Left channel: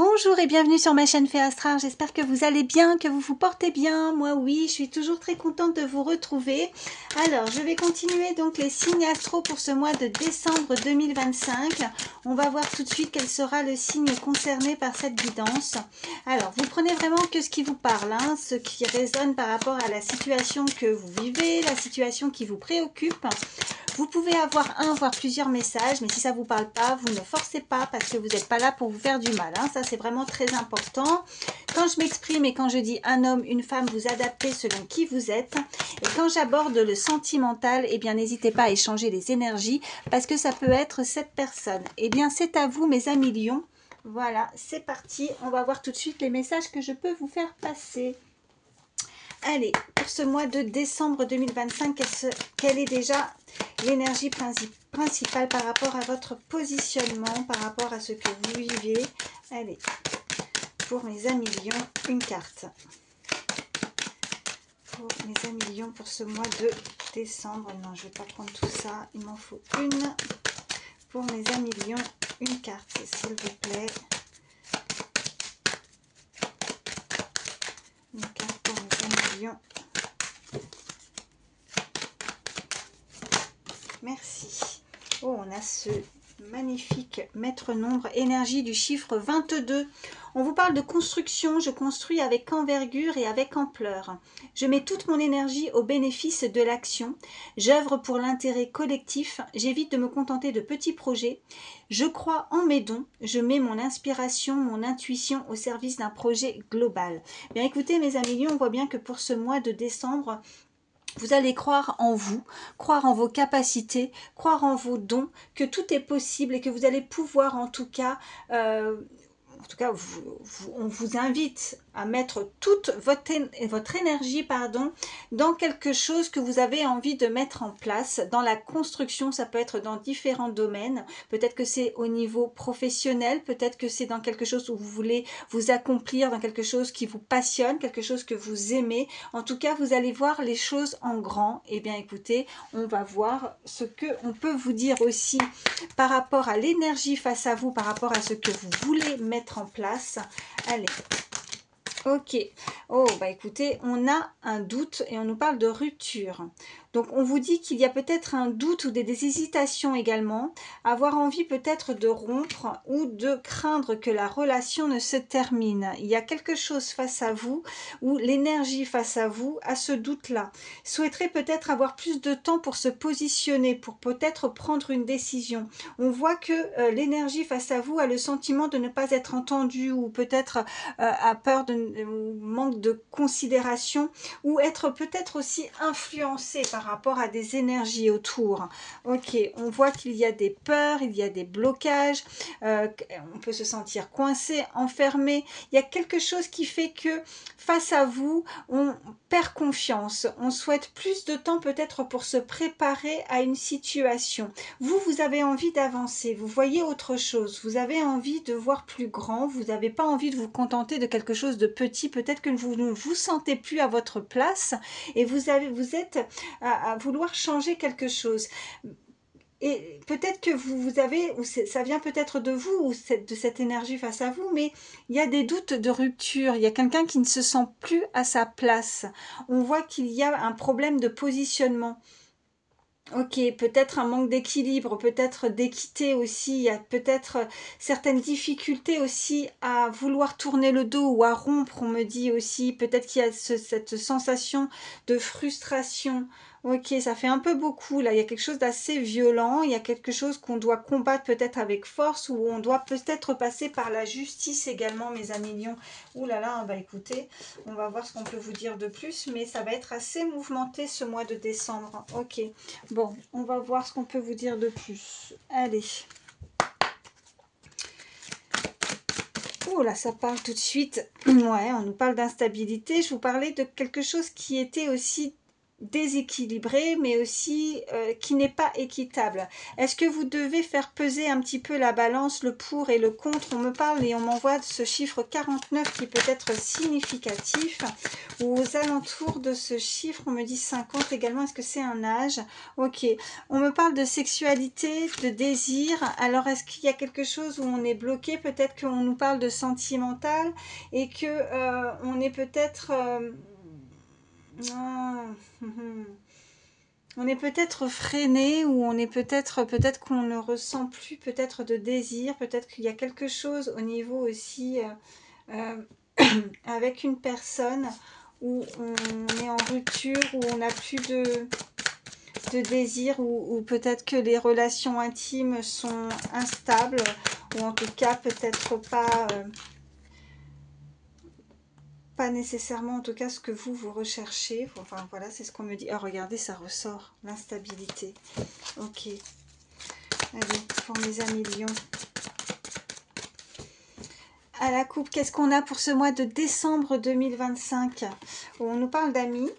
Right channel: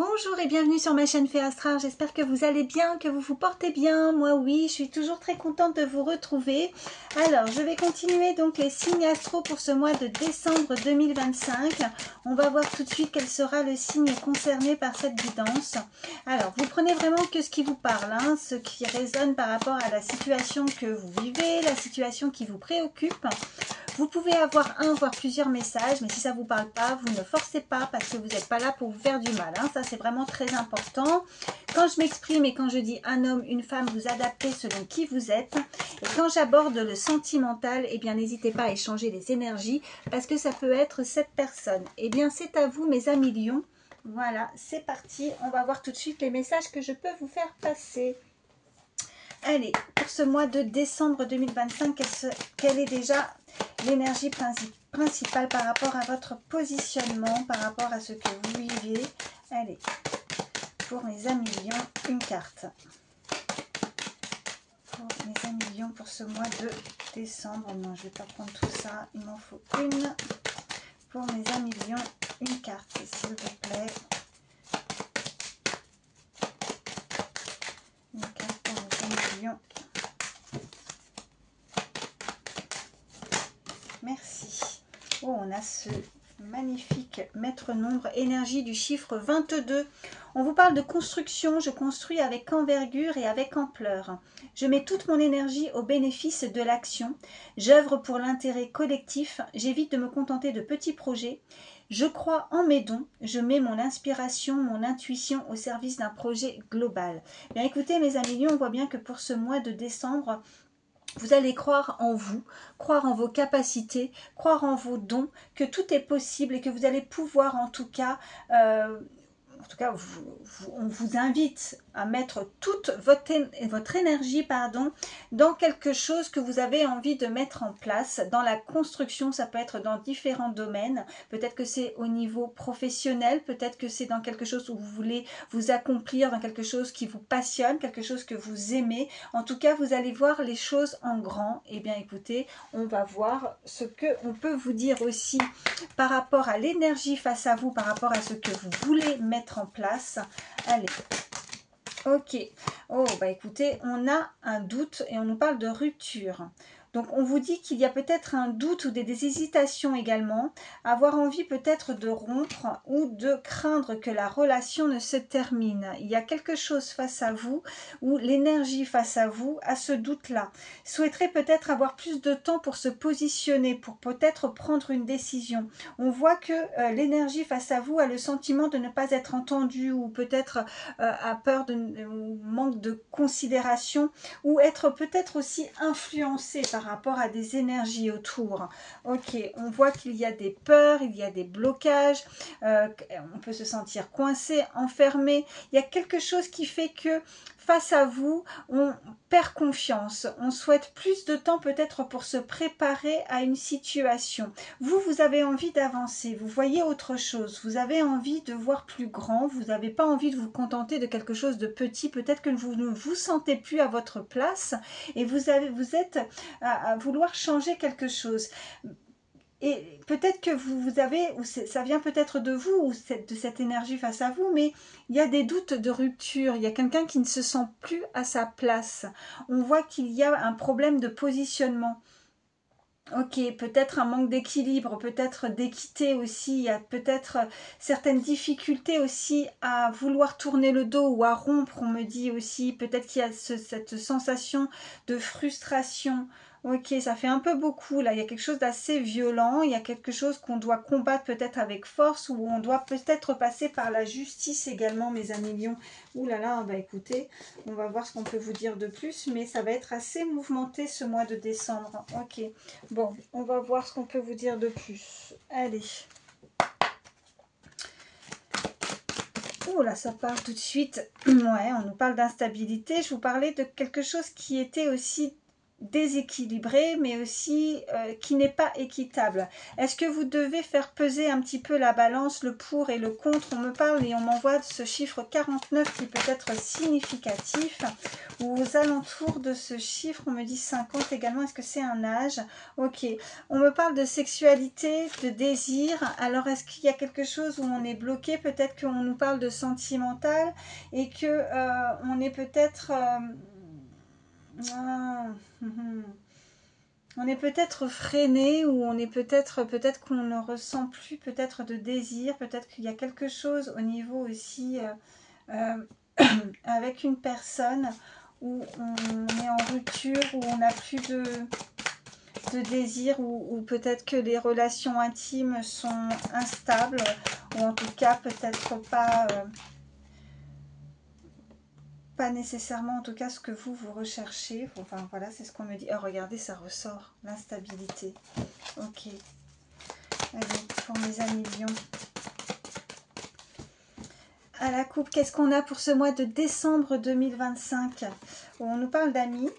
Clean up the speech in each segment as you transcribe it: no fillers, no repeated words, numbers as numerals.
Bonjour et bienvenue sur ma chaîne Fée Astral, j'espère que vous allez bien, que vous vous portez bien. Moi oui, je suis toujours très contente de vous retrouver. Alors, je vais continuer donc les signes astro pour ce mois de décembre 2025. On va voir tout de suite quel sera le signe concerné par cette guidance. Alors, vous prenez vraiment que ce qui vous parle, hein, ce qui résonne par rapport à la situation que vous vivez, la situation qui vous préoccupe. Vous pouvez avoir un, voire plusieurs messages, mais si ça ne vous parle pas, vous ne forcez pas parce que vous n'êtes pas là pour vous faire du mal. Hein. Ça, c'est vraiment très important. Quand je m'exprime et quand je dis un homme, une femme, vous adaptez selon qui vous êtes. Et quand j'aborde le sentimental, eh bien, n'hésitez pas à échanger les énergies parce que ça peut être cette personne. Eh bien, c'est à vous, mes amis lions. Voilà, c'est parti. On va voir tout de suite les messages que je peux vous faire passer. Allez, pour ce mois de décembre 2025, quelle est déjà l'énergie principale par rapport à votre positionnement, par rapport à ce que vous vivez? Allez, pour mes amis lions, une carte. Pour mes amis lions, pour ce mois de décembre, non, je ne vais pas prendre tout ça, il m'en faut une. Pour mes amis lions, une carte, s'il vous plaît. Une carte pour mes amis lions. Merci. Oh, on a ce magnifique maître nombre, énergie du chiffre 22. On vous parle de construction. Je construis avec envergure et avec ampleur. Je mets toute mon énergie au bénéfice de l'action. J'œuvre pour l'intérêt collectif. J'évite de me contenter de petits projets. Je crois en mes dons. Je mets mon inspiration, mon intuition au service d'un projet global. Bien écoutez, mes amis lions, on voit bien que pour ce mois de décembre, vous allez croire en vous, croire en vos capacités, croire en vos dons, que tout est possible et que vous allez pouvoir en tout cas, on vous invite à mettre toute votre énergie dans quelque chose que vous avez envie de mettre en place. Dans la construction, ça peut être dans différents domaines. Peut-être que c'est au niveau professionnel, peut-être que c'est dans quelque chose où vous voulez vous accomplir, dans quelque chose qui vous passionne, quelque chose que vous aimez. En tout cas, vous allez voir les choses en grand. Eh bien, écoutez, on va voir ce qu'on peut vous dire aussi par rapport à l'énergie face à vous, par rapport à ce que vous voulez mettre en place. Allez. Ok. Oh, bah écoutez, on a un doute et on nous parle de rupture. Donc, on vous dit qu'il y a peut-être un doute ou des hésitations également, avoir envie peut-être de rompre ou de craindre que la relation ne se termine. Il y a quelque chose face à vous ou l'énergie face à vous a ce doute-là. Souhaiterait peut-être avoir plus de temps pour se positionner, pour peut-être prendre une décision. On voit que l'énergie face à vous a le sentiment de ne pas être entendue ou peut-être a peur ou manque de considération ou être peut-être aussi influencé par rapport à des énergies autour. Ok, on voit qu'il y a des peurs, il y a des blocages, on peut se sentir coincé, enfermé. Il y a quelque chose qui fait que face à vous, on perd confiance. On souhaite plus de temps peut-être pour se préparer à une situation. Vous avez envie d'avancer, vous voyez autre chose, vous avez envie de voir plus grand, vous n'avez pas envie de vous contenter de quelque chose de petit, peut-être que vous ne vous sentez plus à votre place et vous êtes à vouloir changer quelque chose. Et peut-être que vous avez, ou ça vient peut-être de vous, ou de cette énergie face à vous, mais il y a des doutes de rupture, il y a quelqu'un qui ne se sent plus à sa place. On voit qu'il y a un problème de positionnement. Ok, peut-être un manque d'équilibre, peut-être d'équité aussi, il y a peut-être certaines difficultés aussi à vouloir tourner le dos ou à rompre, on me dit aussi, peut-être qu'il y a cette sensation de frustration. Ok, ça fait un peu beaucoup là, il y a quelque chose d'assez violent, il y a quelque chose qu'on doit combattre peut-être avec force ou on doit peut-être passer par la justice également, mes amis lions. Ouh là là, bah écoutez, on va voir ce qu'on peut vous dire de plus, mais ça va être assez mouvementé ce mois de décembre. Ok. Bon, on va voir ce qu'on peut vous dire de plus. Allez. Oh là, ça part tout de suite. Ouais, on nous parle d'instabilité. Je vous parlais de quelque chose qui était aussi déséquilibré, mais aussi qui n'est pas équitable. Est-ce que vous devez faire peser un petit peu la balance, le pour et le contre? On me parle et on m'envoie ce chiffre 49 qui peut être significatif. Ou aux alentours de ce chiffre, on me dit 50 également. Est-ce que c'est un âge? Ok. On me parle de sexualité, de désir. Alors, est-ce qu'il y a quelque chose où on est bloqué? Peut-être qu'on nous parle de sentimental et que on est peut-être... on est peut-être freiné ou on est peut-être qu'on ne ressent plus peut-être de désir, peut-être qu'il y a quelque chose au niveau aussi avec une personne où on est en rupture, où on n'a plus de désir, ou peut-être que les relations intimes sont instables, ou en tout cas peut-être pas nécessairement en tout cas ce que vous recherchez. Enfin voilà, c'est ce qu'on me dit. Oh, regardez, ça ressort, l'instabilité. Ok. Allez, pour mes amis lions. À la coupe, qu'est-ce qu'on a pour ce mois de décembre 2025? On nous parle d'amis.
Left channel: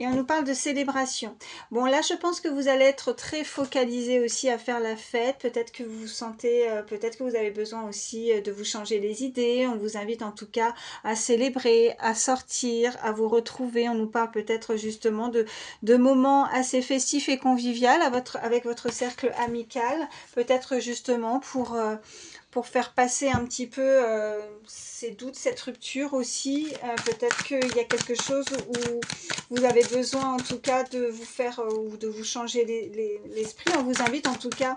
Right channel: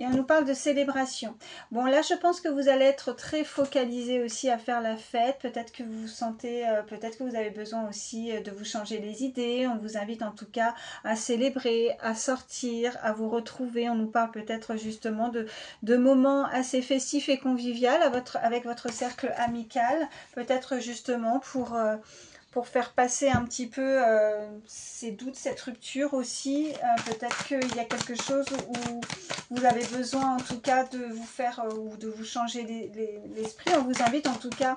Et on nous parle de célébration. Bon, là, je pense que vous allez être très focalisé aussi à faire la fête. Peut-être que vous vous sentez, peut-être que vous avez besoin aussi de vous changer les idées. On vous invite en tout cas à célébrer, à sortir, à vous retrouver. On nous parle peut-être justement de moments assez festifs et conviviaux avec votre cercle amical. Peut-être justement pour faire passer un petit peu ces doutes, cette rupture aussi. Peut-être qu'il y a quelque chose où vous avez besoin en tout cas de vous faire ou de vous changer l'esprit. On vous invite en tout cas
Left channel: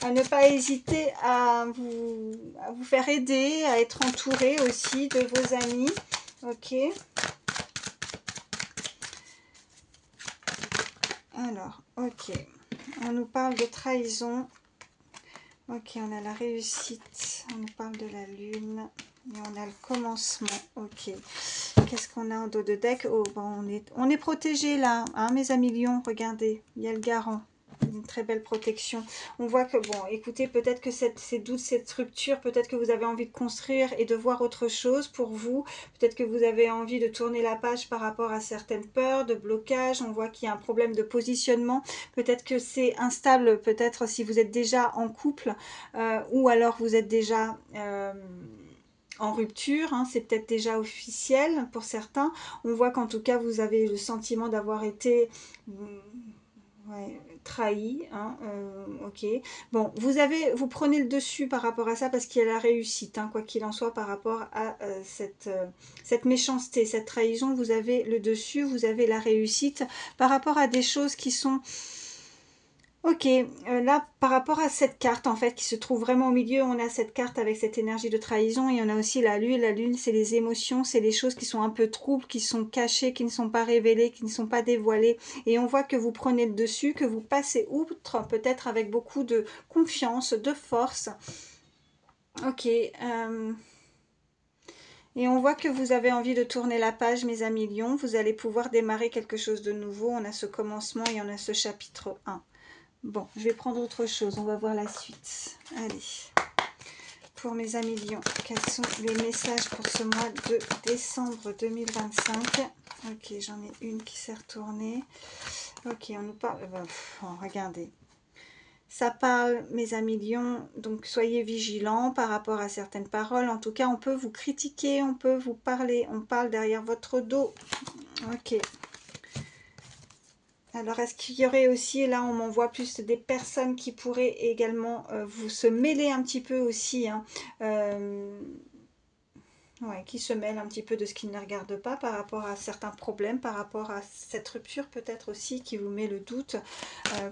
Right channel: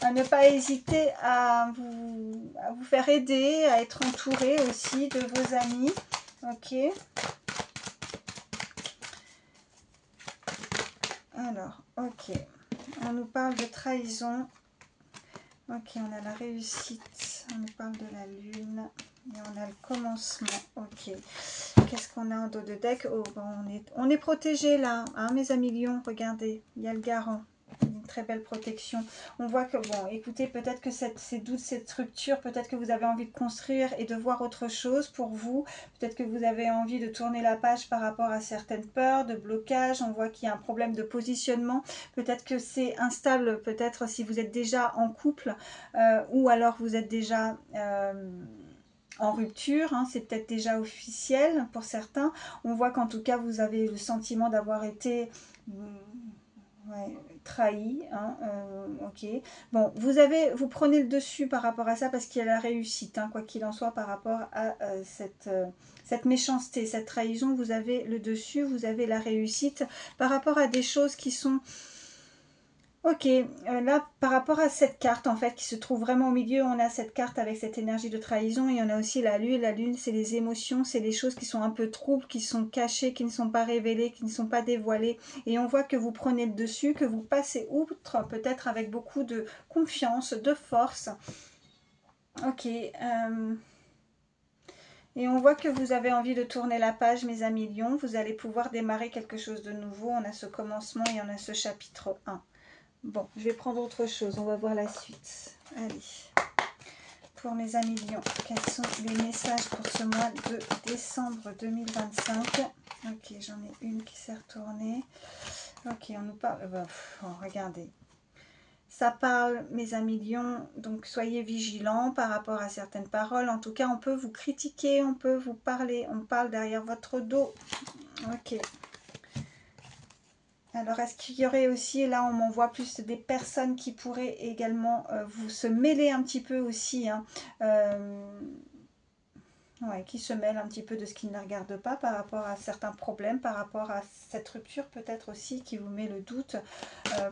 à ne pas hésiter à vous faire aider, à être entouré aussi de vos amis. Ok. Alors, ok. On nous parle de trahison. Ok, on a la réussite, on nous parle de la lune, et on a le commencement. Ok, qu'est-ce qu'on a en dos de deck? Oh, bon, on est protégé là, hein, mes amis lions, regardez, il y a le garant, une très belle protection. On voit que, bon, écoutez, peut-être que ces doutes, cette rupture, peut-être que vous avez envie de construire et de voir autre chose pour vous. Peut-être que vous avez envie de tourner la page par rapport à certaines peurs, de blocage. On voit qu'il y a un problème de positionnement. Peut-être que c'est instable, peut-être si vous êtes déjà en couple ou alors vous êtes déjà... en rupture, hein, c'est peut-être déjà officiel pour certains. On voit qu'en tout cas vous avez le sentiment d'avoir été trahi, hein, ok. Bon, vous prenez le dessus par rapport à ça parce qu'il y a la réussite, hein, quoi qu'il en soit par rapport à cette méchanceté, cette trahison, vous avez le dessus, vous avez la réussite par rapport à des choses qui sont... Ok, là par rapport à cette carte en fait qui se trouve vraiment au milieu, on a cette carte avec cette énergie de trahison et on a aussi la lune. La lune c'est les émotions, c'est les choses qui sont un peu troubles, qui sont cachées, qui ne sont pas révélées, qui ne sont pas dévoilées. Et on voit que vous prenez le dessus, que vous passez outre peut-être avec beaucoup de confiance, de force. Ok, et on voit que vous avez envie de tourner la page mes amis lions, vous allez pouvoir démarrer quelque chose de nouveau. On a ce commencement et on a ce chapitre 1. Bon, je vais prendre autre chose, on va voir la suite. Allez, pour mes amis lions, quels sont les messages pour ce mois de décembre 2025? Ok, j'en ai une qui s'est retournée. Ok, on nous parle... regardez. Ça parle, mes amis lions, donc soyez vigilants par rapport à certaines paroles. En tout cas, on peut vous critiquer, on peut vous parler, on parle derrière votre dos. Ok. Alors, est-ce qu'il y aurait aussi, là on m'envoie plus des personnes qui pourraient également vous se mêler un petit peu aussi, hein, ouais, qui se mêlent un petit peu de ce qui ne les regarde pas par rapport à certains problèmes, par rapport à cette rupture peut-être aussi qui vous met le doute,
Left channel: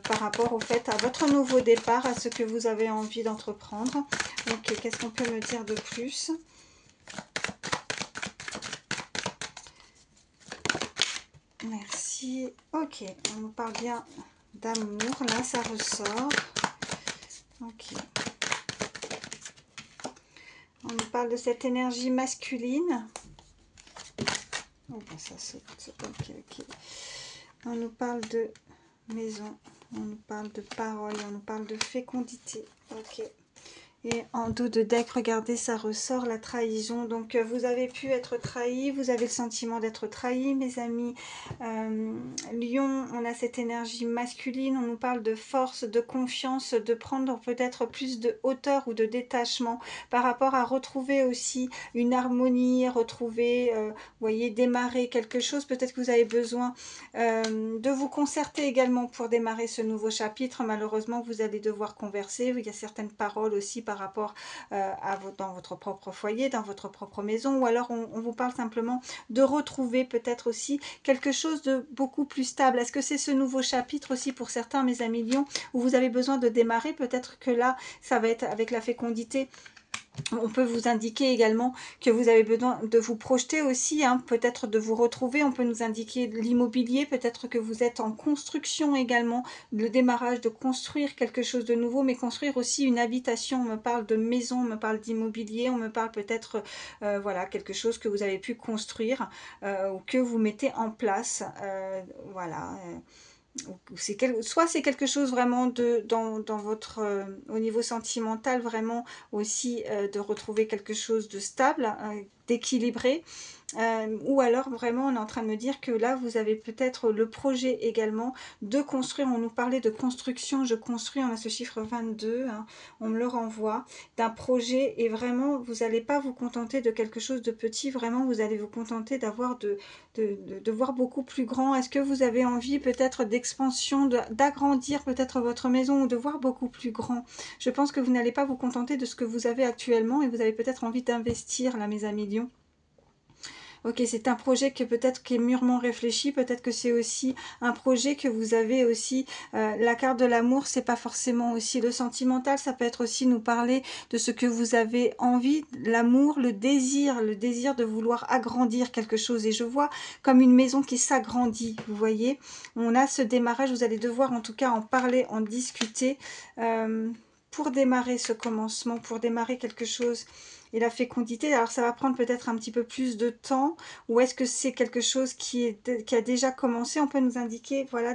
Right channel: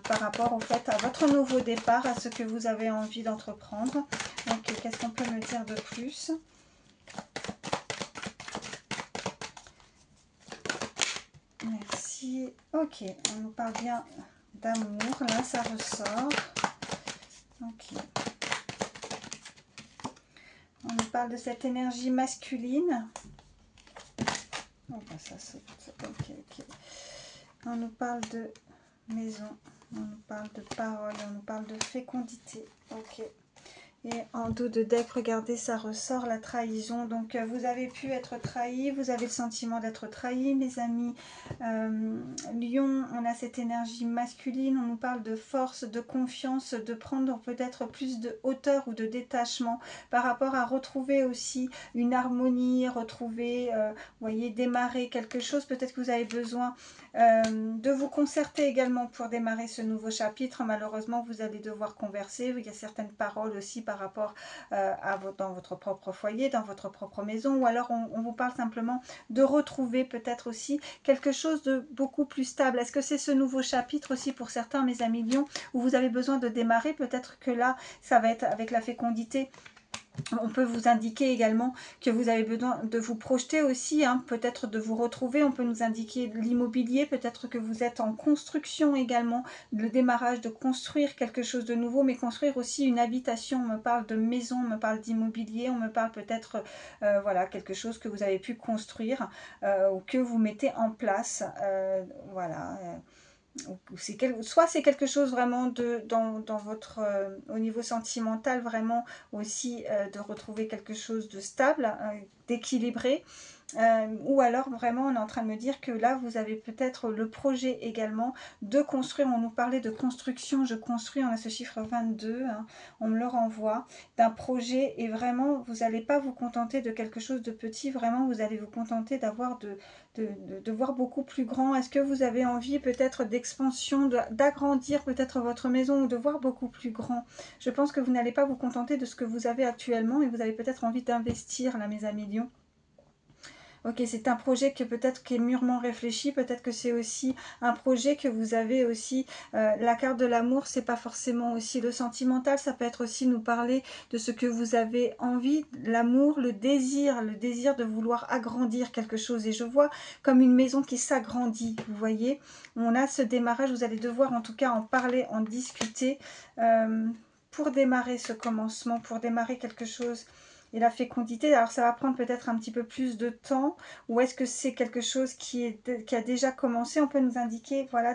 par rapport au fait à votre nouveau départ, à ce que vous avez envie d'entreprendre. Donc, qu'est-ce qu'on peut me dire de plus ? Merci. Ok, on nous parle bien d'amour. Là, ça ressort. Ok. On nous parle de cette énergie masculine. Oh, ben ça saute. Ok, ok. On nous parle de maison. On nous parle de parole. On nous parle de fécondité. Ok. Et en dos de deck, regardez, ça ressort la trahison. Donc, vous avez pu être trahi, vous avez le sentiment d'être trahi, mes amis. Lion, on a cette énergie masculine, on nous parle de force, de confiance, de prendre peut-être plus de hauteur ou de détachement par rapport à retrouver aussi une harmonie, retrouver, vous voyez, démarrer quelque chose. Peut-être que vous avez besoin de vous concerter également pour démarrer ce nouveau chapitre. Malheureusement, vous allez devoir converser. Il y a certaines paroles aussi par rapport dans votre propre foyer, dans votre propre maison, ou alors on vous parle simplement de retrouver peut-être aussi quelque chose de beaucoup plus stable. Est-ce que c'est ce nouveau chapitre aussi pour certains, mes amis Lions, où vous avez besoin de démarrer? Peut-être que là, ça va être avec la fécondité. On peut vous indiquer également que vous avez besoin de vous projeter aussi, hein, peut-être de vous retrouver. On peut nous indiquer l'immobilier, peut-être que vous êtes en construction également, le démarrage de construire quelque chose de nouveau, mais construire aussi une habitation. On me parle de maison, on me parle d'immobilier, on me parle peut-être voilà, quelque chose que vous avez pu construire ou que vous mettez en place. Voilà. Soit c'est quelque chose vraiment dans votre au niveau sentimental, vraiment aussi de retrouver quelque chose de stable, d'équilibré, ou alors vraiment on est en train de me dire que là vous avez peut-être le projet également de construire. On nous parlait de construction, je construis, on a ce chiffre 22, hein, on me le renvoie, d'un projet, et vraiment vous n'allez pas vous contenter de quelque chose de petit, vraiment vous allez vous contenter d'avoir de voir beaucoup plus grand. Est-ce que vous avez envie peut-être d'expansion, d'agrandir peut-être votre maison, ou de voir beaucoup plus grand? Je pense que vous n'allez pas vous contenter de ce que vous avez actuellement, et vous avez peut-être envie d'investir là, mes amis Lions. Ok, c'est un projet que peut-être qui est mûrement réfléchi, peut-être que c'est aussi un projet que vous avez aussi, la carte de l'amour, c'est pas forcément aussi le sentimental, ça peut être aussi nous parler de ce que vous avez envie, l'amour, le désir de vouloir agrandir quelque chose. Et je vois comme une maison qui s'agrandit, vous voyez, on a ce démarrage, vous allez devoir en tout cas en parler, en discuter, pour démarrer ce commencement, pour démarrer quelque chose. Et la fécondité, alors ça va prendre peut-être un petit peu plus de temps, ou est-ce que c'est quelque chose qui a déjà commencé? On peut nous indiquer, voilà,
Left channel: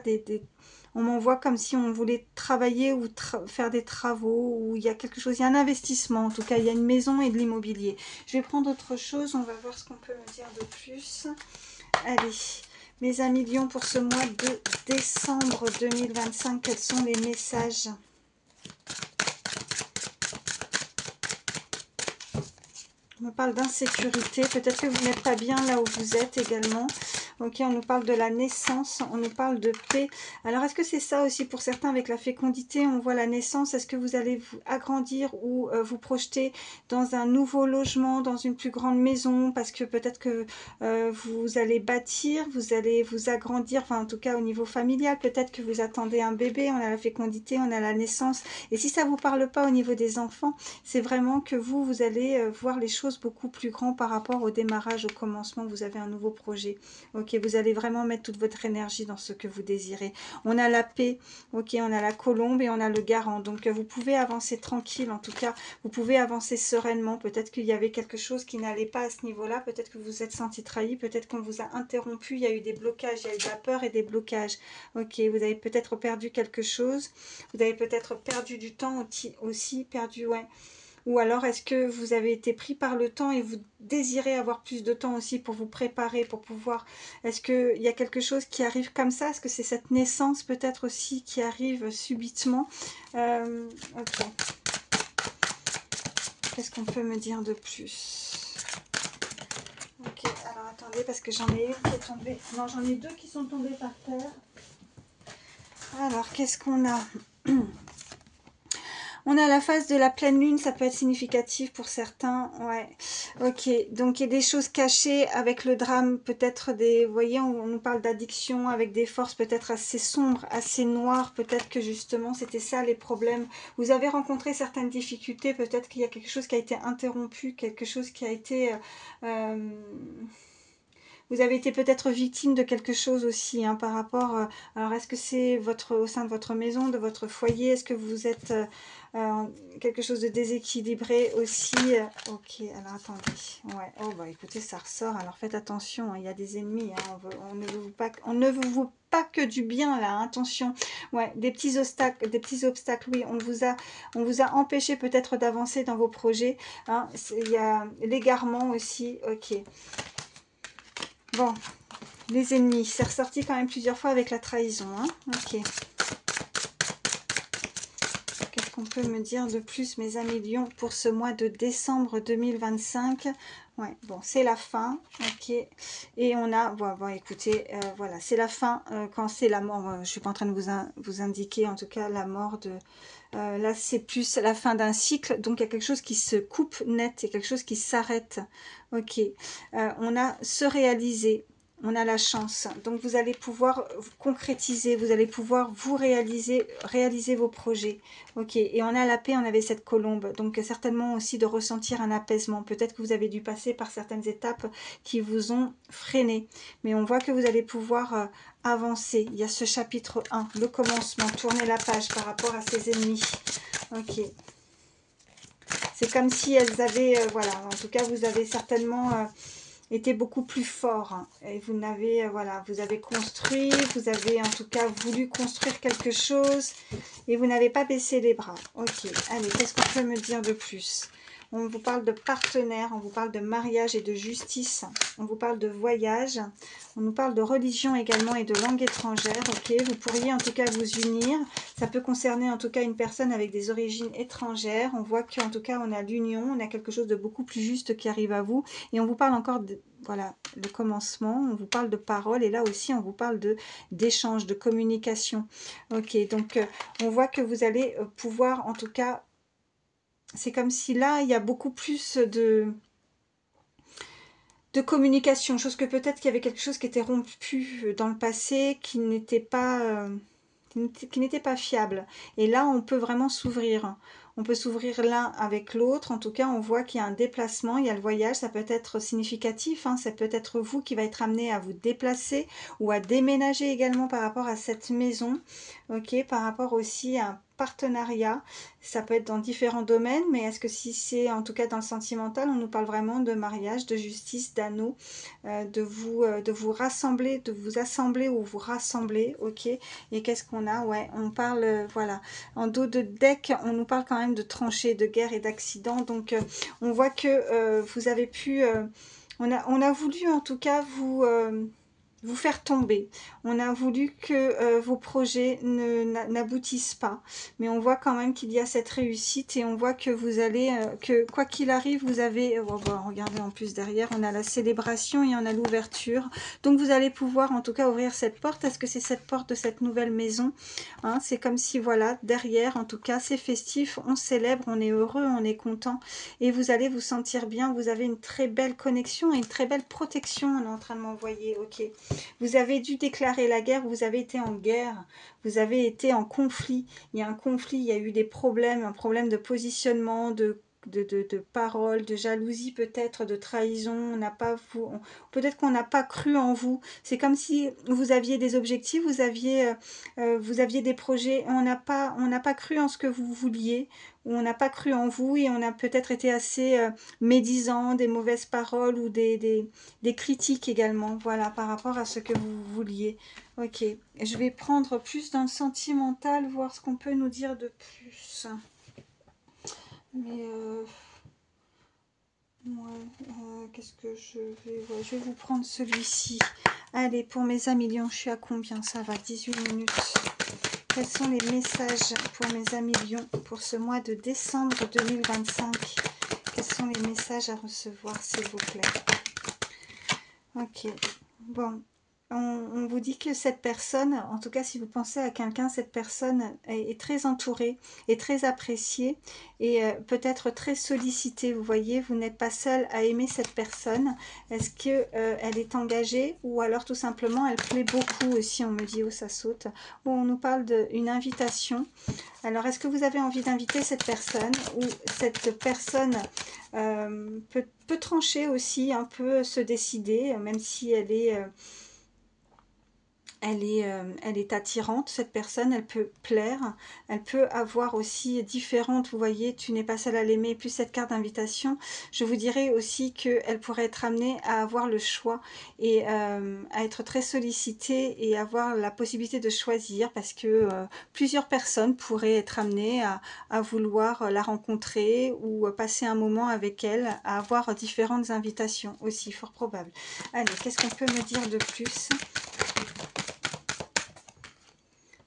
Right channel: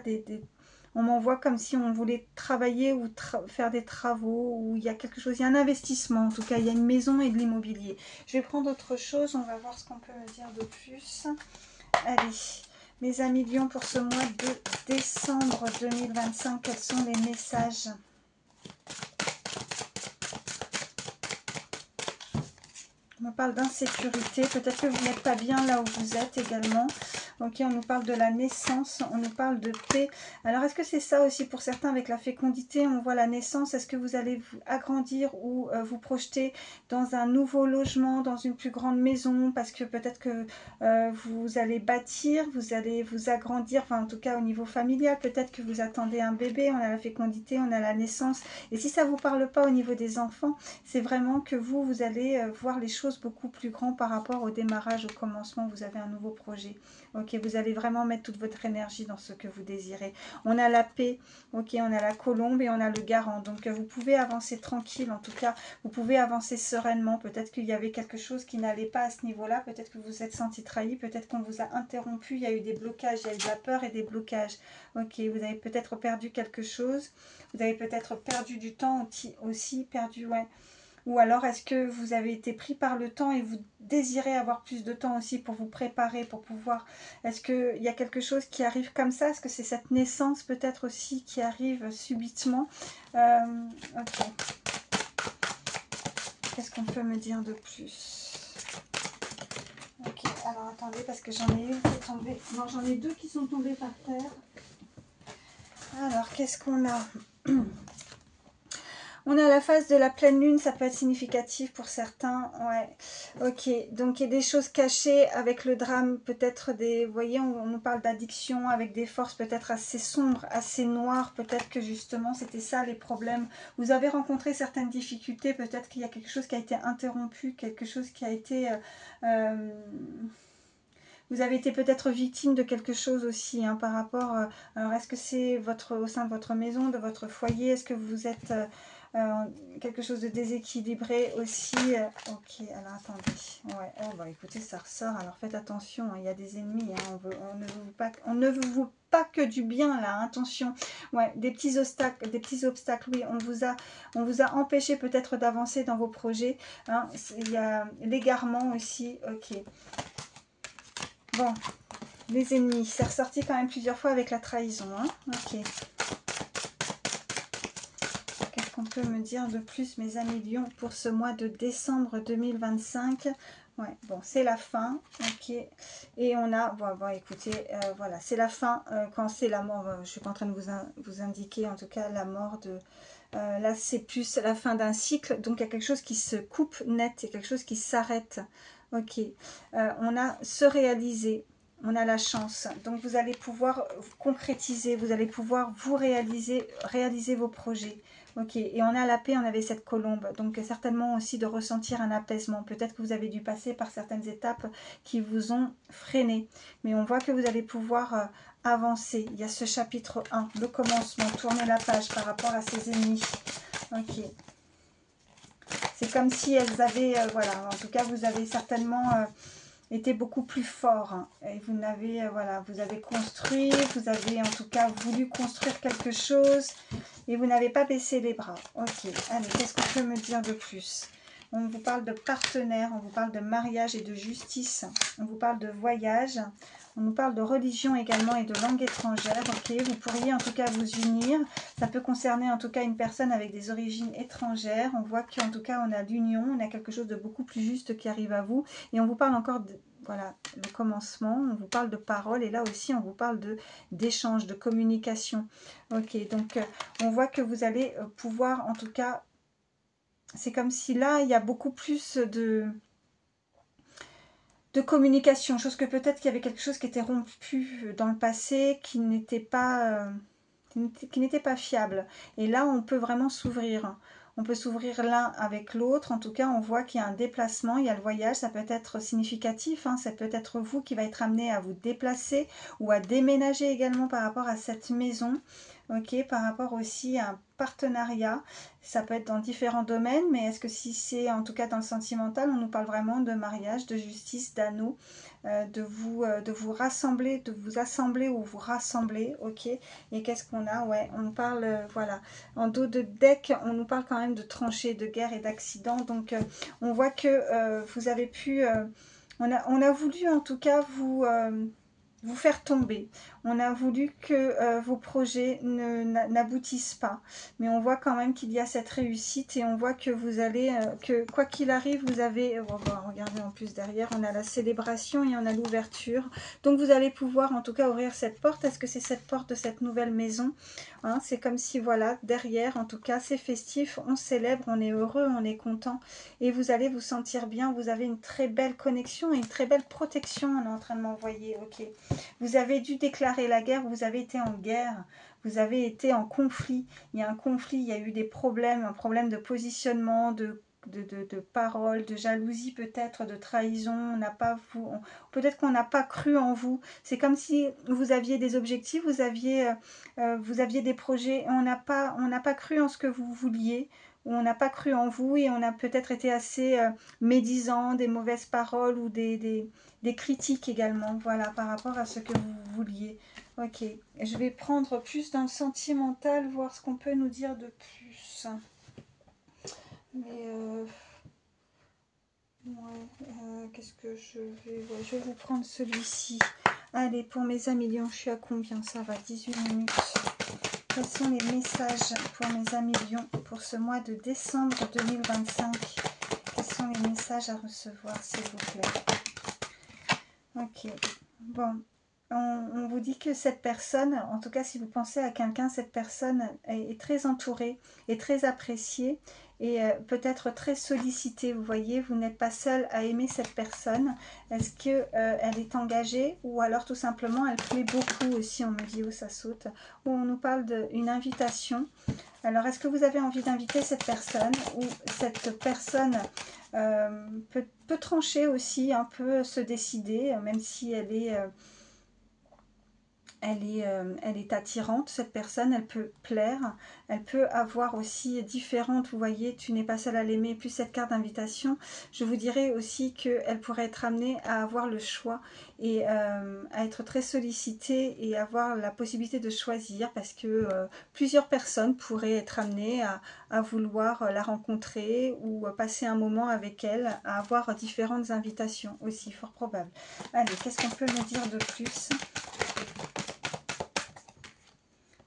on m'envoie comme si on voulait travailler ou faire des travaux, ou il y a quelque chose, il y a un investissement, en tout cas il y a une maison et de l'immobilier. Je vais prendre autre chose, on va voir ce qu'on peut me dire de plus. Allez, mes amis Lions, pour ce mois de décembre 2025, quels sont les messages? On nous parle d'insécurité, peut-être que vous n'êtes pas bien là où vous êtes également. Ok, on nous parle de la naissance, on nous parle de paix. Alors, est-ce que c'est ça aussi pour certains avec la fécondité? On voit la naissance. Est-ce que vous allez vous agrandir ou vous projeter dans un nouveau logement, dans une plus grande maison? Parce que peut-être que vous allez bâtir, vous allez vous agrandir, enfin en tout cas au niveau familial. Peut-être que vous attendez un bébé, on a la fécondité, on a la naissance. Et si ça ne vous parle pas au niveau des enfants, c'est vraiment que vous allez voir les choses beaucoup plus grands par rapport au démarrage, au commencement. Vous avez un nouveau projet. Ok, vous allez vraiment mettre toute votre énergie dans ce que vous désirez. On a la paix, ok, on a la colombe et on a le garant. Donc vous pouvez avancer tranquille, en tout cas, vous pouvez avancer sereinement. Peut-être qu'il y avait quelque chose qui n'allait pas à ce niveau-là. Peut-être que vous vous êtes senti trahi. Peut-être qu'on vous a interrompu. Il y a eu des blocages, il y a eu de la peur et des blocages. Ok, vous avez peut-être perdu quelque chose. Vous avez peut-être perdu du temps aussi perdu, ouais. Ou alors, est-ce que vous avez été pris par le temps et vous désirez avoir plus de temps aussi pour vous préparer, pour pouvoir... Est-ce qu'il y a quelque chose qui arrive comme ça? Est-ce que c'est cette naissance peut-être aussi qui arrive subitement? Ok. Qu'est-ce qu'on peut me dire de plus? Ok, alors attendez, parce que j'en ai une qui est tombée... Non, j'en ai deux qui sont tombées par terre. Alors, qu'est-ce qu'on a? On a la phase de la pleine lune, ça peut être significatif pour certains, ouais. Ok, donc il y a des choses cachées avec le drame, peut-être des, vous voyez, on nous parle d'addiction avec des forces peut-être assez sombres, assez noires, peut-être que justement c'était ça les problèmes. Vous avez rencontré certaines difficultés, peut-être qu'il y a quelque chose qui a été interrompu, quelque chose qui a été... vous avez été peut-être victime de quelque chose aussi, hein, par rapport... alors, est-ce que c'est au sein de votre maison, de votre foyer? Est-ce que vous êtes... quelque chose de déséquilibré aussi. Ok, alors attendez. Ouais. Oh bah écoutez, ça ressort. Alors faites attention, hein, il y a des ennemis. Hein, on ne vous veut pas que du bien là. Hein, attention. Ouais, des petits obstacles. Des petits obstacles. Oui, on vous a empêché peut-être d'avancer dans vos projets. Hein, il y a l'égarement aussi. Ok. Bon, les ennemis. C'est ressorti quand même plusieurs fois avec la trahison. Hein. Ok. Qu'est-ce qu'on peut me dire de plus, mes amis Lions, pour ce mois de décembre 2025? Ouais, bon, c'est la fin, ok. Et on a, bon écoutez, voilà, c'est la fin, quand c'est la mort, je suis pas en train de vous indiquer, en tout cas, la mort de... là, c'est plus la fin d'un cycle, donc il y a quelque chose qui se coupe net, il y a quelque chose qui s'arrête, ok. On a se réaliser, on a la chance. Donc vous allez pouvoir concrétiser, vous allez pouvoir vous réaliser vos projets. Ok, et on a la paix, on avait cette colombe. Donc certainement aussi de ressentir un apaisement. Peut-être que vous avez dû passer par certaines étapes qui vous ont freiné. Mais on voit que vous allez pouvoir avancer. Il y a ce chapitre 1, le commencement. Tournez la page par rapport à ces ennemis. Ok. C'est comme si elles avaient, voilà, en tout cas vous avez certainement... était beaucoup plus fort, hein. Et vous n'avez voilà, vous avez construit, vous avez en tout cas voulu construire quelque chose et vous n'avez pas baissé les bras. Ok, allez, qu'est-ce qu'on peut me dire de plus? On vous parle de partenaire, on vous parle de mariage et de justice, on vous parle de voyage, on nous parle de religion également et de langue étrangère. Ok, vous pourriez en tout cas vous unir. Ça peut concerner en tout cas une personne avec des origines étrangères. On voit qu'en tout cas on a l'union, on a quelque chose de beaucoup plus juste qui arrive à vous. Et on vous parle encore de, voilà, le commencement, on vous parle de parole et là aussi on vous parle d'échange, de communication. Ok, donc on voit que vous allez pouvoir en tout cas, c'est comme si là il y a beaucoup plus de communication, chose que peut-être qu'il y avait quelque chose qui était rompu dans le passé, qui n'était pas fiable. Et là, on peut vraiment s'ouvrir. On peut s'ouvrir l'un avec l'autre. En tout cas, on voit qu'il y a un déplacement, il y a le voyage. Ça peut être significatif. Hein, ça peut être vous qui va être amené à vous déplacer ou à déménager également par rapport à cette maison. Ok, par rapport aussi à un partenariat. Ça peut être dans différents domaines, mais est-ce que si c'est en tout cas dans le sentimental, on nous parle vraiment de mariage, de justice, d'anneau, de vous rassembler, de vous assembler ou vous rassembler, ok. Et qu'est-ce qu'on a? Ouais, on parle, voilà, en dos de deck, on nous parle quand même de tranchées, de guerre et d'accidents. Donc, on voit que vous avez pu, on a voulu en tout cas vous faire tomber. On a voulu que vos projets n'aboutissent pas. Mais on voit quand même qu'il y a cette réussite et on voit que vous allez, que quoi qu'il arrive, vous avez, regardez en plus derrière, on a la célébration et on a l'ouverture. Donc vous allez pouvoir en tout cas ouvrir cette porte. Est-ce que c'est cette porte de cette nouvelle maison, hein? C'est comme si, voilà, derrière, en tout cas, c'est festif, on célèbre, on est heureux, on est content. Et vous allez vous sentir bien, vous avez une très belle connexion et une très belle protection, on est en train de m'envoyer, ok. Vous avez dû déclarer la guerre, vous avez été en guerre, vous avez été en conflit. Il y a un conflit, il y a eu des problèmes, un problème de positionnement, de paroles, de jalousie peut-être, de trahison. On n'a pas peut-être qu'on n'a pas cru en vous. C'est comme si vous aviez des objectifs, vous aviez des projets. On n'a pas cru en ce que vous vouliez. On n'a pas cru en vous et on a peut-être été assez médisant, des mauvaises paroles ou des critiques également, voilà, par rapport à ce que vous vouliez. Ok, je vais prendre plus dans le sentimental, voir ce qu'on peut nous dire de plus. Mais ouais, qu'est-ce que je vais... Ouais, je vais vous prendre celui-ci. Allez, pour mes amis Lions, je suis à combien? Ça va, 18 minutes. Quels sont les messages pour mes amis Lions pour ce mois de décembre 2025? Quels sont les messages à recevoir, s'il vous plaît? Ok, bon, on vous dit que cette personne, en tout cas si vous pensez à quelqu'un, cette personne est très entourée, est très appréciée et peut-être très sollicitée. Vous voyez, vous n'êtes pas seul à aimer cette personne. Est-ce que elle est engagée ou alors tout simplement elle plaît beaucoup aussi, on me dit, où ça saute. Bon, on nous parle d'une invitation. Alors, est-ce que vous avez envie d'inviter cette personne ou cette personne peut trancher aussi, un peu se décider, même si elle est attirante, cette personne, elle peut plaire, elle peut avoir aussi différentes, vous voyez, tu n'es pas seule à l'aimer, plus cette carte d'invitation, je vous dirais aussi qu'elle pourrait être amenée à avoir le choix et à être très sollicitée et avoir la possibilité de choisir parce que plusieurs personnes pourraient être amenées à vouloir la rencontrer ou passer un moment avec elle, à avoir différentes invitations aussi, fort probable. Allez, qu'est-ce qu'on peut me dire de plus ?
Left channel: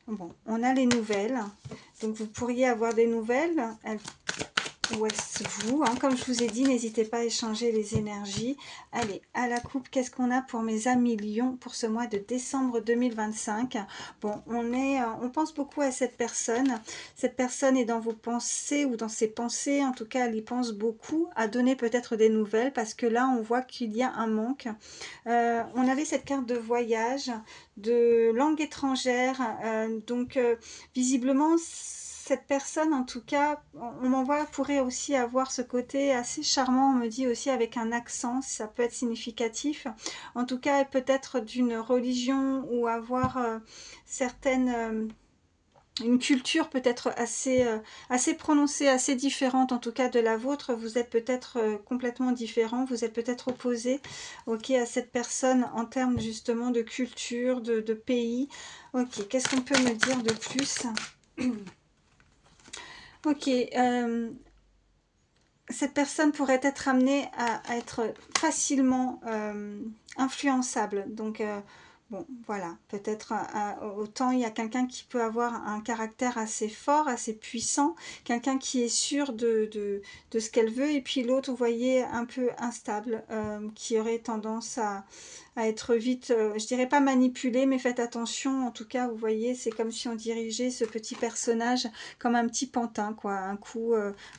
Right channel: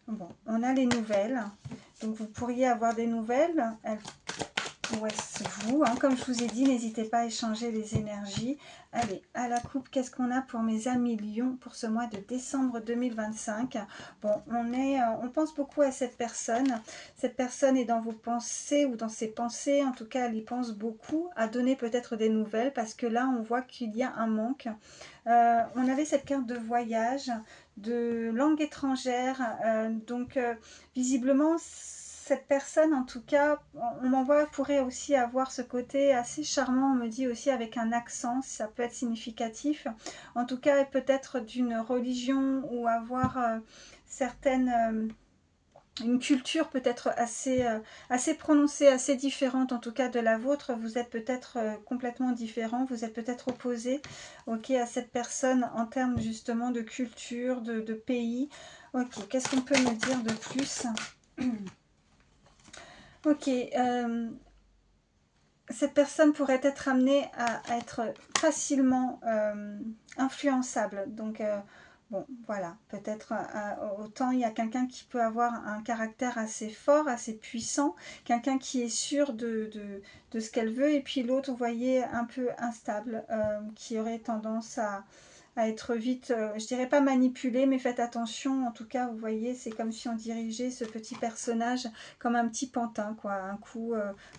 Bon, on a les nouvelles. Donc, vous pourriez avoir des nouvelles. Ou est-ce vous, hein, comme je vous ai dit, n'hésitez pas à échanger les énergies. Allez, à la coupe, qu'est-ce qu'on a pour mes amis Lions pour ce mois de décembre 2025? Bon, on pense beaucoup à cette personne. Cette personne est dans vos pensées ou dans ses pensées. En tout cas, elle y pense beaucoup, à donner peut-être des nouvelles parce que là, on voit qu'il y a un manque. On avait cette carte de voyage, de langue étrangère. Visiblement, cette personne, en tout cas, on m'envoie, pourrait aussi avoir ce côté assez charmant, on me dit aussi avec un accent, ça peut être significatif. En tout cas, peut-être d'une religion ou avoir une culture peut-être assez prononcée, assez différente en tout cas de la vôtre. Vous êtes peut-être complètement différent, vous êtes peut-être opposé ok, à cette personne en termes justement de culture, de pays. Ok, qu'est-ce qu'on peut me dire de plus? Ok, cette personne pourrait être amenée à être facilement influençable. Donc, bon, voilà, peut-être autant il y a quelqu'un qui peut avoir un caractère assez fort, assez puissant, quelqu'un qui est sûr de ce qu'elle veut, et puis l'autre, vous voyez, un peu instable, qui aurait tendance à être vite, je dirais pas manipulé, mais faites attention, en tout cas, vous voyez, c'est comme si on dirigeait ce petit personnage comme un petit pantin, quoi, un coup,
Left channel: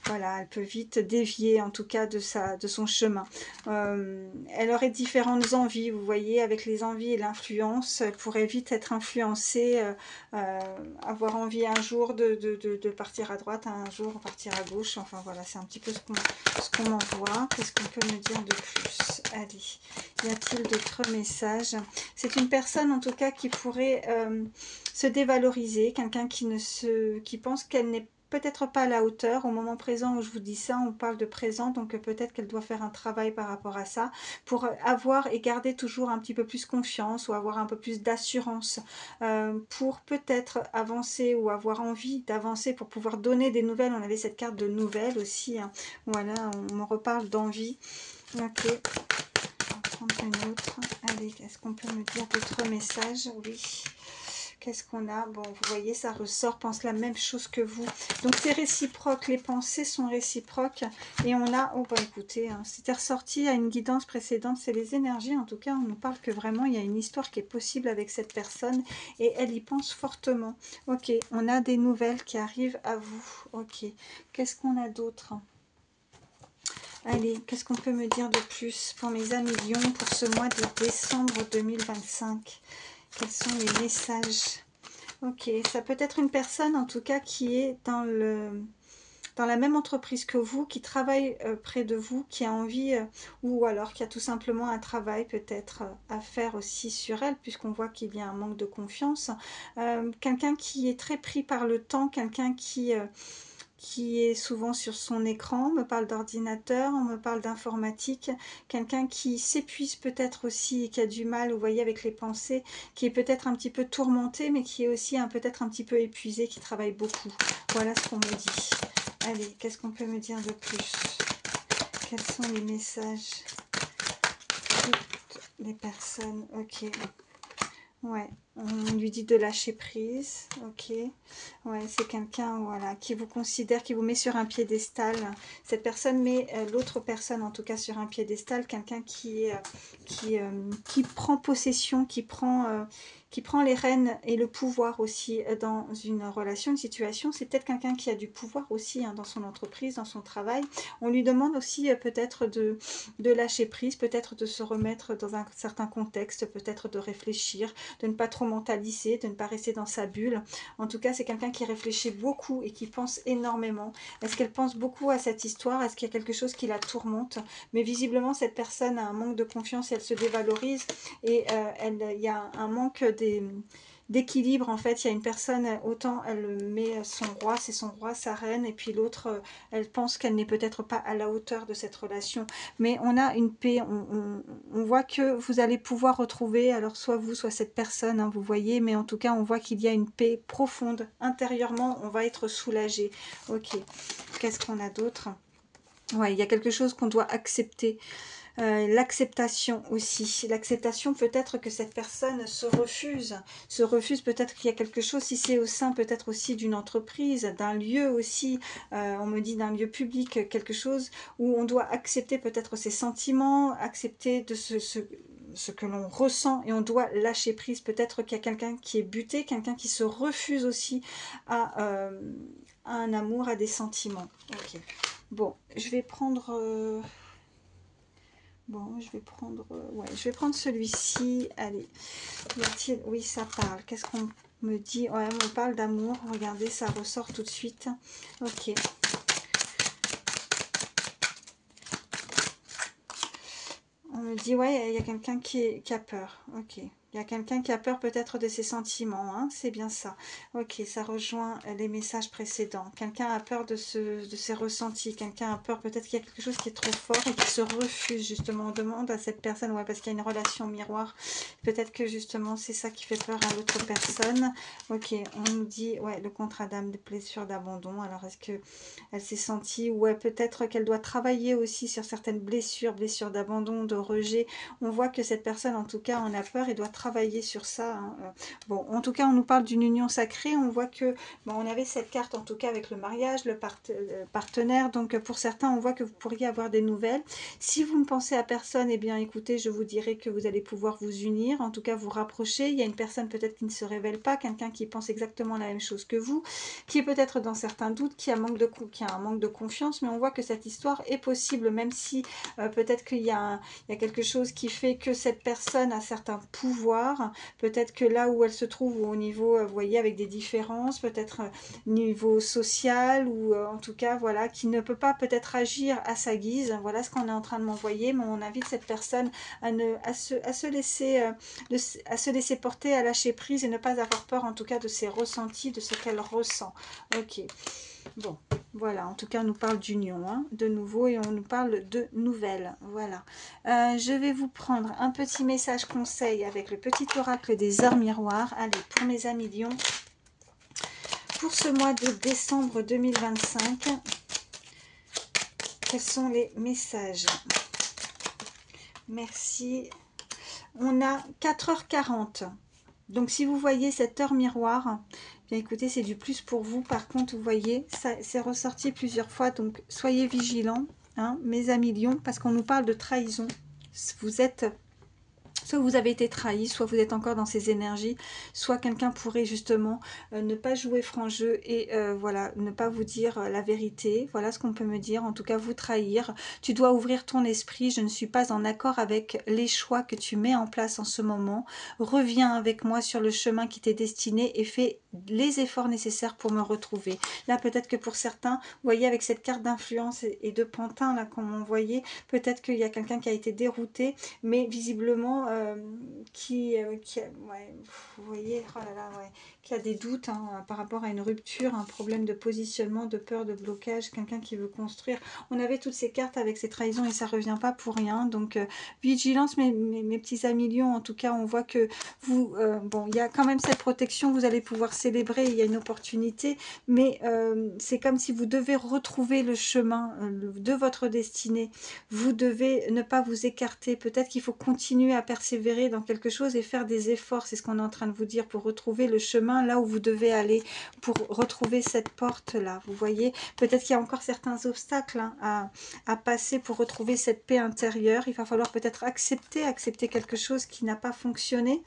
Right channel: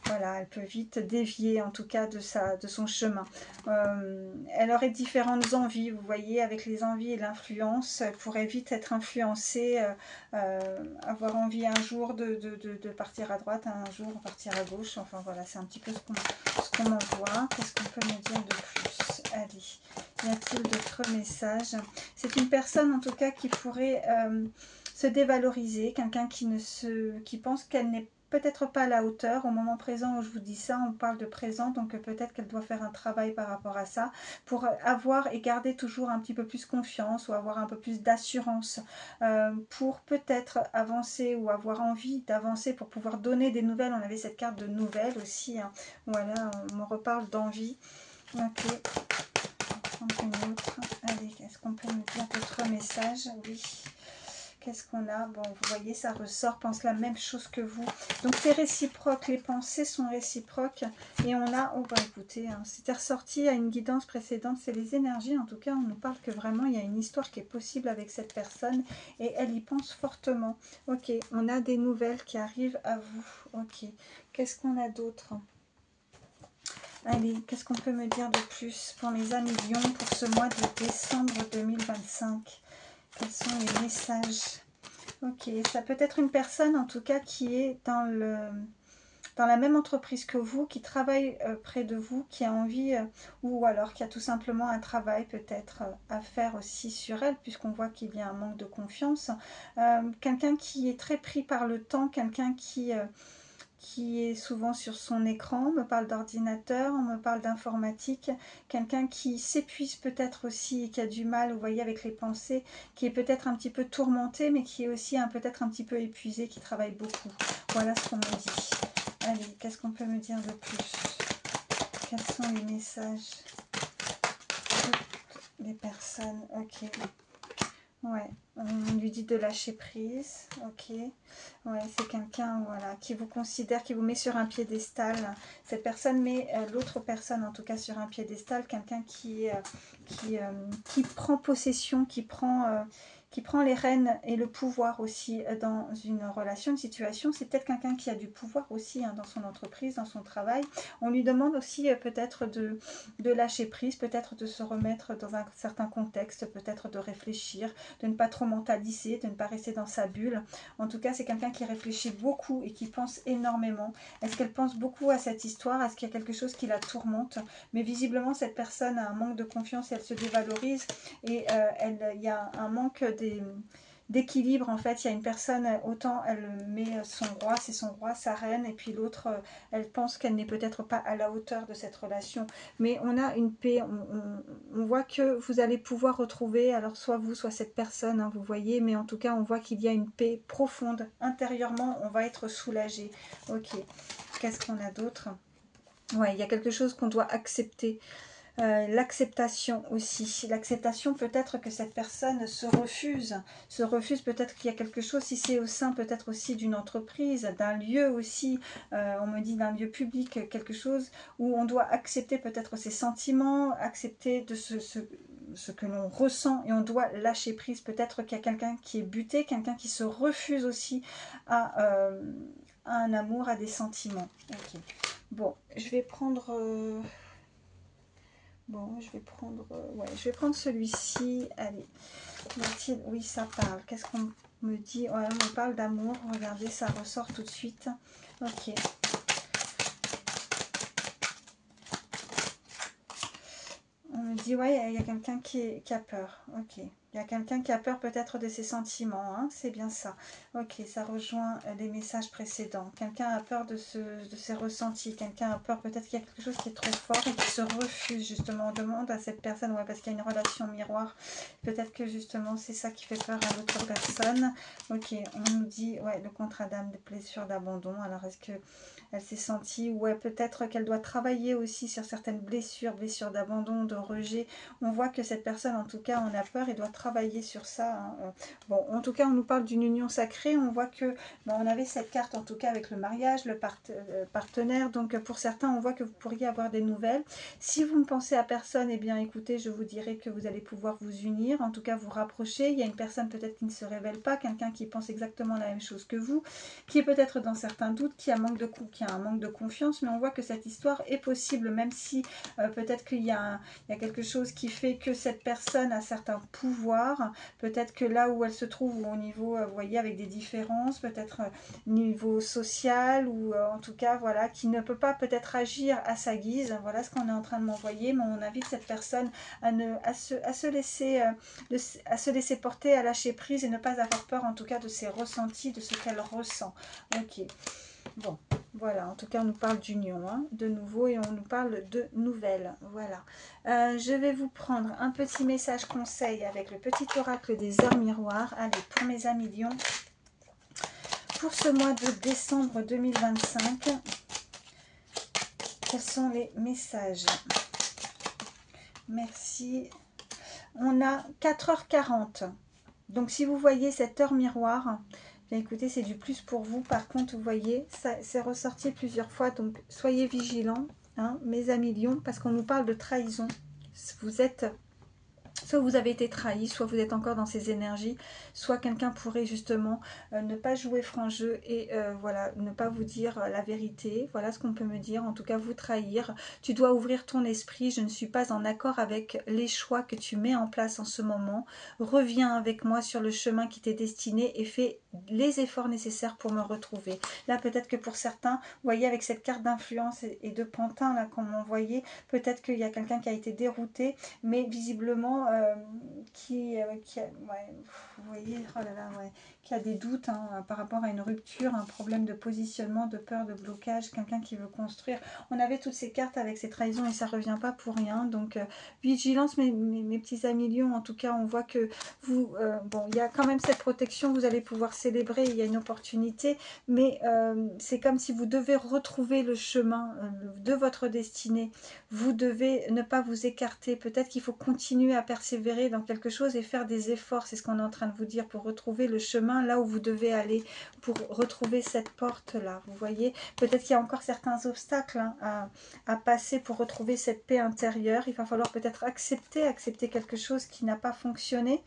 voilà, elle peut vite dévier, en tout cas, de son chemin. Elle aurait différentes envies, vous voyez, avec les envies et l'influence, elle pourrait vite être influencée, avoir envie un jour de partir à droite, un jour partir à gauche, enfin voilà, c'est un petit peu ce qu'on m'envoie. Qu'est-ce qu'on peut me dire de plus? Allez, y a-t-il d'autres messages? C'est une personne en tout cas qui pourrait se dévaloriser, quelqu'un qui pense qu'elle n'est peut-être pas à la hauteur. Au moment présent où je vous dis ça, on parle de présent, donc peut-être qu'elle doit faire un travail par rapport à ça pour avoir et garder toujours un petit peu plus confiance ou avoir un peu plus d'assurance pour peut-être avancer ou avoir envie d'avancer pour pouvoir donner des nouvelles. On avait cette carte de nouvelles aussi, hein. Voilà, on me reparle d'envie. Ok, on va prendre une autre. Allez, est-ce qu'on peut me dire d'autres messages? Oui. Qu'est-ce qu'on a? Bon, vous voyez, ça ressort, pense la même chose que vous. Donc, c'est réciproque, les pensées sont réciproques. Et on a, oh, bah écoutez, hein, c'était ressorti à une guidance précédente, c'est les énergies. En tout cas, on nous parle que vraiment, il y a une histoire qui est possible avec cette personne. Et elle y pense fortement. Ok, on a des nouvelles qui arrivent à vous. Ok, qu'est-ce qu'on a d'autre? Allez, qu'est-ce qu'on peut me dire de plus pour mes amis Lions pour ce mois de décembre 2025? Quels sont les messages? Ok, ça peut être une personne en tout cas qui est dans la même entreprise que vous, qui travaille près de vous, qui a envie, ou alors qui a tout simplement un travail peut-être à faire aussi sur elle, puisqu'on voit qu'il y a un manque de confiance. Quelqu'un qui est très pris par le temps, quelqu'un qui est souvent sur son écran, on me parle d'ordinateur, on me parle d'informatique, quelqu'un qui s'épuise peut-être aussi et qui a du mal, vous voyez, avec les pensées, qui est peut-être un petit peu tourmenté, mais qui est aussi peut-être un petit peu épuisé, qui travaille beaucoup. Voilà ce qu'on me dit. Allez, qu'est-ce qu'on peut me dire de plus? Quels sont les messages? Toutes les personnes, ok. Ouais, on lui dit de lâcher prise, ok. Ouais, c'est quelqu'un, voilà, qui vous considère, qui vous met sur un piédestal. Cette personne met l'autre personne, en tout cas, sur un piédestal. Quelqu'un qui prend possession, qui prend les rênes et le pouvoir aussi dans une relation, une situation. C'est peut-être quelqu'un qui a du pouvoir aussi dans son entreprise, dans son travail. On lui demande aussi peut-être de lâcher prise, peut-être de se remettre dans un certain contexte, peut-être de réfléchir, de ne pas trop mentaliser, de ne pas rester dans sa bulle. En tout cas, c'est quelqu'un qui réfléchit beaucoup et qui pense énormément. Est-ce qu'elle pense beaucoup à cette histoire? Est-ce qu'il y a quelque chose qui la tourmente? Mais visiblement, cette personne a un manque de confiance et elle se dévalorise. Et il y a un manque d'équilibre. En fait, il y a une personne, autant elle met son roi, c'est son roi, sa reine, et puis l'autre, elle pense qu'elle n'est peut-être pas à la hauteur de cette relation. Mais on a une paix, on voit que vous allez pouvoir retrouver, alors soit vous, soit cette personne, hein, vous voyez, mais en tout cas, on voit qu'il y a une paix profonde. Intérieurement, on va être soulagé. Ok, qu'est-ce qu'on a d'autre? Ouais, il y a quelque chose qu'on doit accepter. L'acceptation aussi. L'acceptation, peut-être que cette personne se refuse peut-être qu'il y a quelque chose, si c'est au sein peut-être aussi d'une entreprise, d'un lieu aussi, on me dit d'un lieu public, quelque chose où on doit accepter peut-être ses sentiments, accepter de ce que l'on ressent et on doit lâcher prise. Peut-être qu'il y a quelqu'un qui est buté, quelqu'un qui se refuse aussi à un amour, à des sentiments. Ok. Bon, je vais prendre... Bon, je vais prendre, ouais, je vais prendre celui-ci. Allez, oui, ça parle. Qu'est-ce qu'on me dit? Ouais, on me parle d'amour. Regardez, ça ressort tout de suite. Ok. On me dit, ouais, il y a quelqu'un qui a peur. Ok. Il y a quelqu'un qui a peur peut-être de ses sentiments, hein, c'est bien ça. Ok, ça rejoint les messages précédents. Quelqu'un a peur de ses ressentis, quelqu'un a peur peut-être qu'il y a quelque chose qui est trop fort et qui se refuse justement. On demande à cette personne, ouais, parce qu'il y a une relation miroir, peut-être que justement c'est ça qui fait peur à l'autre personne. Ok, on nous dit, ouais, le contrat d'âme, des blessures d'abandon. Alors est-ce que elle s'est sentie, ouais, peut-être qu'elle doit travailler aussi sur certaines blessures d'abandon, de rejet. On voit que cette personne en tout cas en a peur et doit travailler sur ça, hein. Bon, en tout cas, on nous parle d'une union sacrée. On voit que, bon, on avait cette carte en tout cas avec le mariage, le partenaire. Donc, pour certains, on voit que vous pourriez avoir des nouvelles. Si vous ne pensez à personne, eh bien, écoutez, je vous dirais que vous allez pouvoir vous unir, en tout cas vous rapprocher. Il y a une personne peut-être qui ne se révèle pas, quelqu'un qui pense exactement la même chose que vous, qui est peut-être dans certains doutes, qui a un manque de confiance. Mais on voit que cette histoire est possible, même si peut-être qu'il y a quelque chose qui fait que cette personne a certains pouvoirs, peut-être que là où elle se trouve, ou au niveau, vous voyez, avec des différences, peut-être niveau social, ou en tout cas, voilà, qui ne peut pas peut-être agir à sa guise. Voilà ce qu'on est en train de m'envoyer, mais on invite cette personne à se laisser porter, à lâcher prise et ne pas avoir peur, en tout cas, de ses ressentis, de ce qu'elle ressent. Ok. Bon, voilà, en tout cas, on nous parle d'union, hein, de nouveau, et on nous parle de nouvelles. Voilà. Je vais vous prendre un petit message conseil avec le petit oracle des heures miroirs. Allez, pour mes amis Lions, pour ce mois de décembre 2025, quels sont les messages? Merci. On a 4h40. Donc, si vous voyez cette heure miroir, bien écoutez, c'est du plus pour vous. Par contre, vous voyez, ça c'est ressorti plusieurs fois. Donc, soyez vigilants, hein, mes amis Lions, parce qu'on nous parle de trahison. Vous êtes... Soit vous avez été trahi, soit vous êtes encore dans ces énergies, soit quelqu'un pourrait justement ne pas jouer franc jeu et voilà, ne pas vous dire la vérité. Voilà ce qu'on peut me dire, en tout cas vous trahir. Tu dois ouvrir ton esprit, je ne suis pas en accord avec les choix que tu mets en place en ce moment. Reviens avec moi sur le chemin qui t'est destiné et fais les efforts nécessaires pour me retrouver. Là peut-être que pour certains, vous voyez avec cette carte d'influence et de pantin là qu'on m'a envoyé, peut-être qu'il y a quelqu'un qui a été dérouté, mais visiblement qui a, ouais, vous voyez, oh là là, ouais, qui a des doutes, hein, par rapport à une rupture, un problème de positionnement, de peur, de blocage, quelqu'un qui veut construire. On avait toutes ces cartes avec ces trahisons et ça revient pas pour rien. Donc vigilance, mes petits amis Lions. En tout cas, on voit que vous, bon, il y a quand même cette protection, vous allez pouvoir célébrer, il y a une opportunité, mais c'est comme si vous devez retrouver le chemin de votre destinée. Vous devez ne pas vous écarter. Peut-être qu'il faut continuer à persévérer dans quelque chose et faire des efforts. C'est ce qu'on est en train de vous dire pour retrouver le chemin là où vous devez aller, pour retrouver cette porte-là. Vous voyez, peut-être qu'il y a encore certains obstacles, hein, à passer pour retrouver cette paix intérieure. Il va falloir peut-être accepter quelque chose qui n'a pas fonctionné.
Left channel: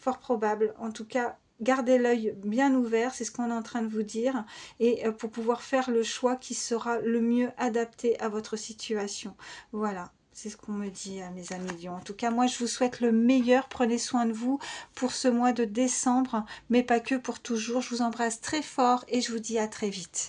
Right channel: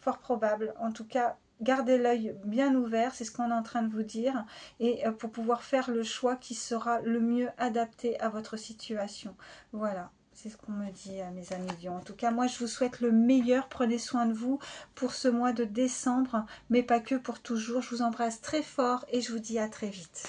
Fort probable. En tout cas, gardez l'œil bien ouvert, c'est ce qu'on est en train de vous dire, et pour pouvoir faire le choix qui sera le mieux adapté à votre situation. Voilà. C'est ce qu'on me dit, mes amis Lions. En tout cas, moi, je vous souhaite le meilleur. Prenez soin de vous pour ce mois de décembre, mais pas que pour toujours. Je vous embrasse très fort et je vous dis à très vite.